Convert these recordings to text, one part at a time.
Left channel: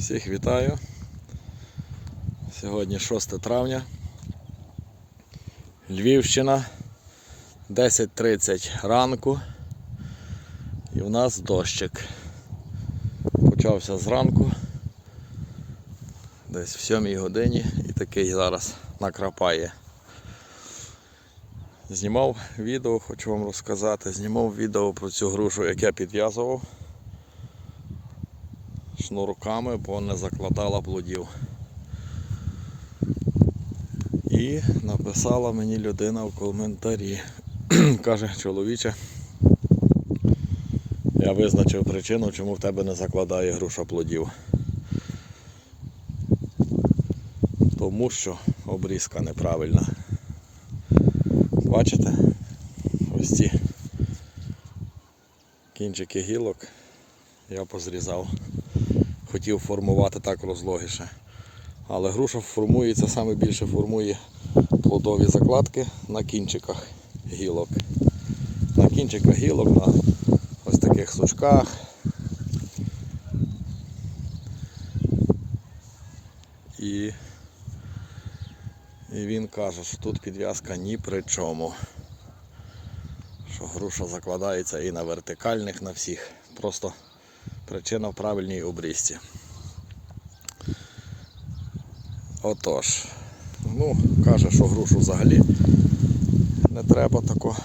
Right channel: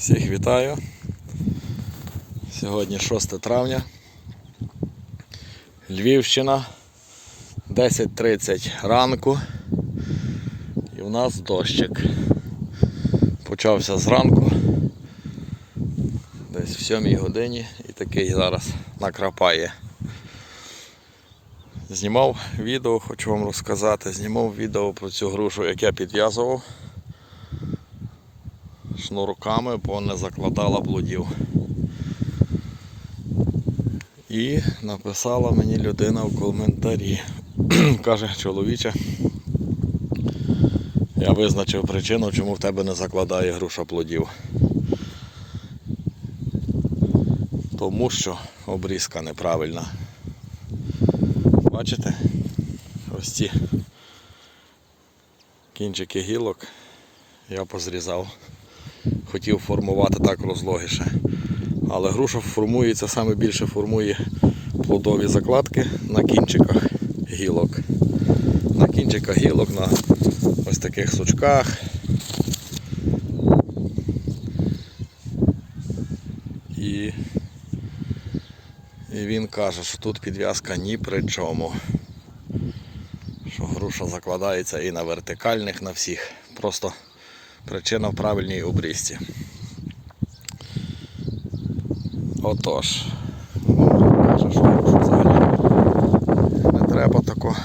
Всіх вітаю. Сьогодні 6 травня. Львівщина. 10.30 ранку. І в нас дощик. Почався зранку. Десь в 7 годині і такий зараз накрапає. Знімав відео, хочу вам розказати. Знімав відео про цю грушу, як я підв'язував шнурками, бо не закладала блудів. І написала мені людина в коментарі. Каже, чоловіче, я визначив причину, чому в тебе не закладає груша плодів. Тому що обрізка неправильна. Бачите? Ось ці кінчики гілок я позрізав. Хотів формувати так розлогіше. Але груша формується, саме більше формує плодові закладки на кінчиках гілок. На кінчиках гілок, на ось таких сучках. І, і він каже, що тут підв'язка ні при чому. Що груша закладається і на вертикальних, на всіх. Просто причина в правильній обрізці. Отож, ну, каже, що грушу взагалі не треба тако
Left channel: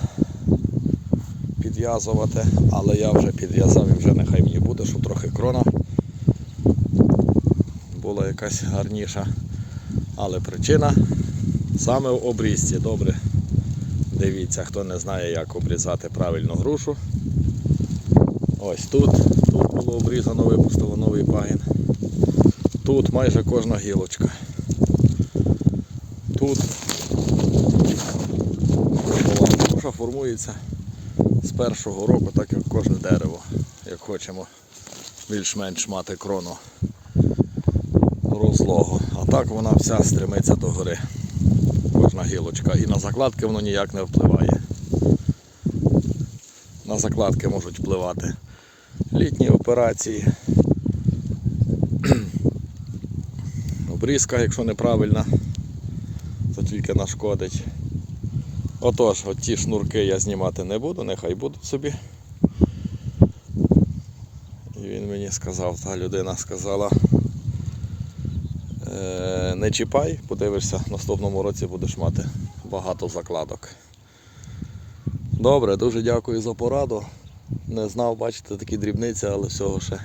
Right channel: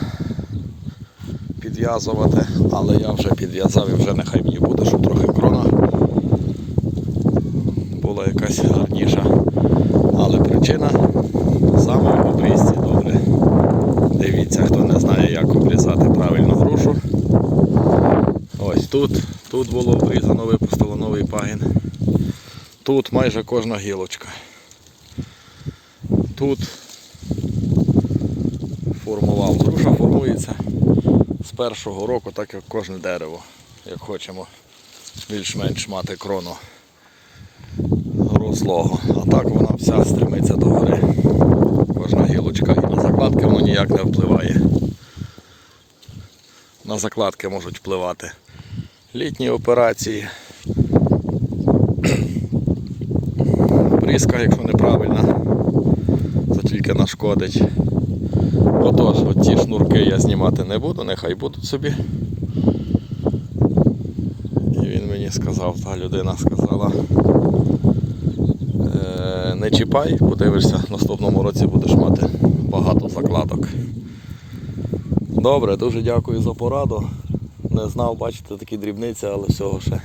підв'язувати, але я вже підв'язав і вже нехай мені буде, щоб трохи крона була якась гарніша. Але причина саме в обрізці. Добре. Дивіться, хто не знає, як обрізати правильно грушу. Ось тут, тут було обрізано, випустило новий пагін. Тут майже кожна гілочка. Тут формував. Груша формується з першого року, так як кожне дерево, як хочемо більш-менш мати крону розлогу. А так вона вся стремиться до гори. Кожна гілочка. І на закладки воно ніяк не впливає. На закладки можуть впливати літні операції. Обрізка, якщо неправильна, то тільки нашкодить. Отож, от ті шнурки я знімати не буду, нехай будуть собі. І він мені сказав, та людина сказала, «Е, не чіпай, подивишся, наступному році будеш мати багато закладок. Добре, дуже дякую за пораду. Не знав, бачите, такі дрібниці, але всього ще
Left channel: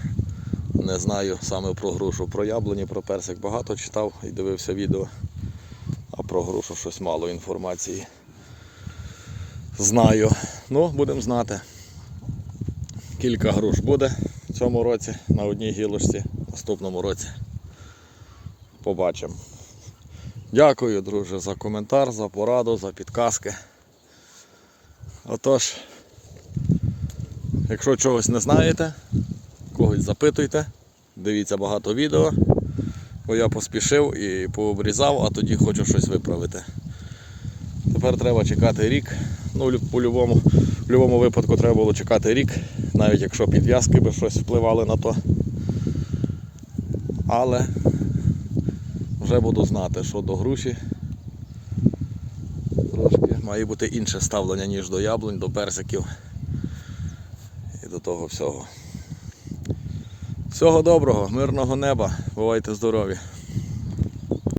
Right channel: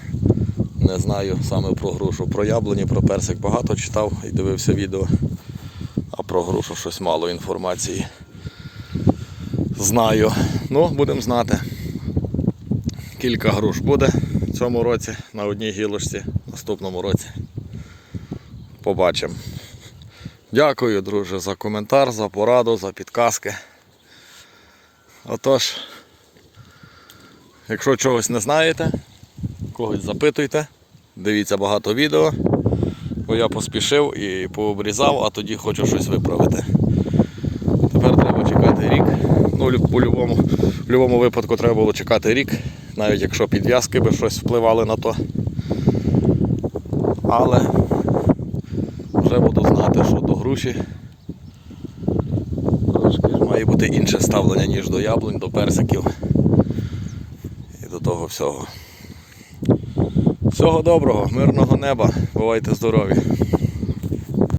не знаю саме про грушу. Про яблуні, про персик багато читав і дивився відео. А про грушу щось мало інформації. Знаю. Ну, будемо знати. Кілька груш буде в цьому році на одній гілочці, в наступному році. Побачимо. Дякую, друже, за коментар, за пораду, за підказки. Отож, якщо чогось не знаєте, когось запитуйте, дивіться багато відео, бо я поспішив і пообрізав, а тоді хочу щось виправити. Тепер треба чекати рік. Ну, лю- по-любому, в будь-якому випадку треба було чекати рік, навіть якщо підв'язки би щось впливали на то. Але вже буду знати, що до груші має бути інше ставлення, ніж до яблунь, до персиків до того всього. Всього доброго, мирного неба, бувайте здорові!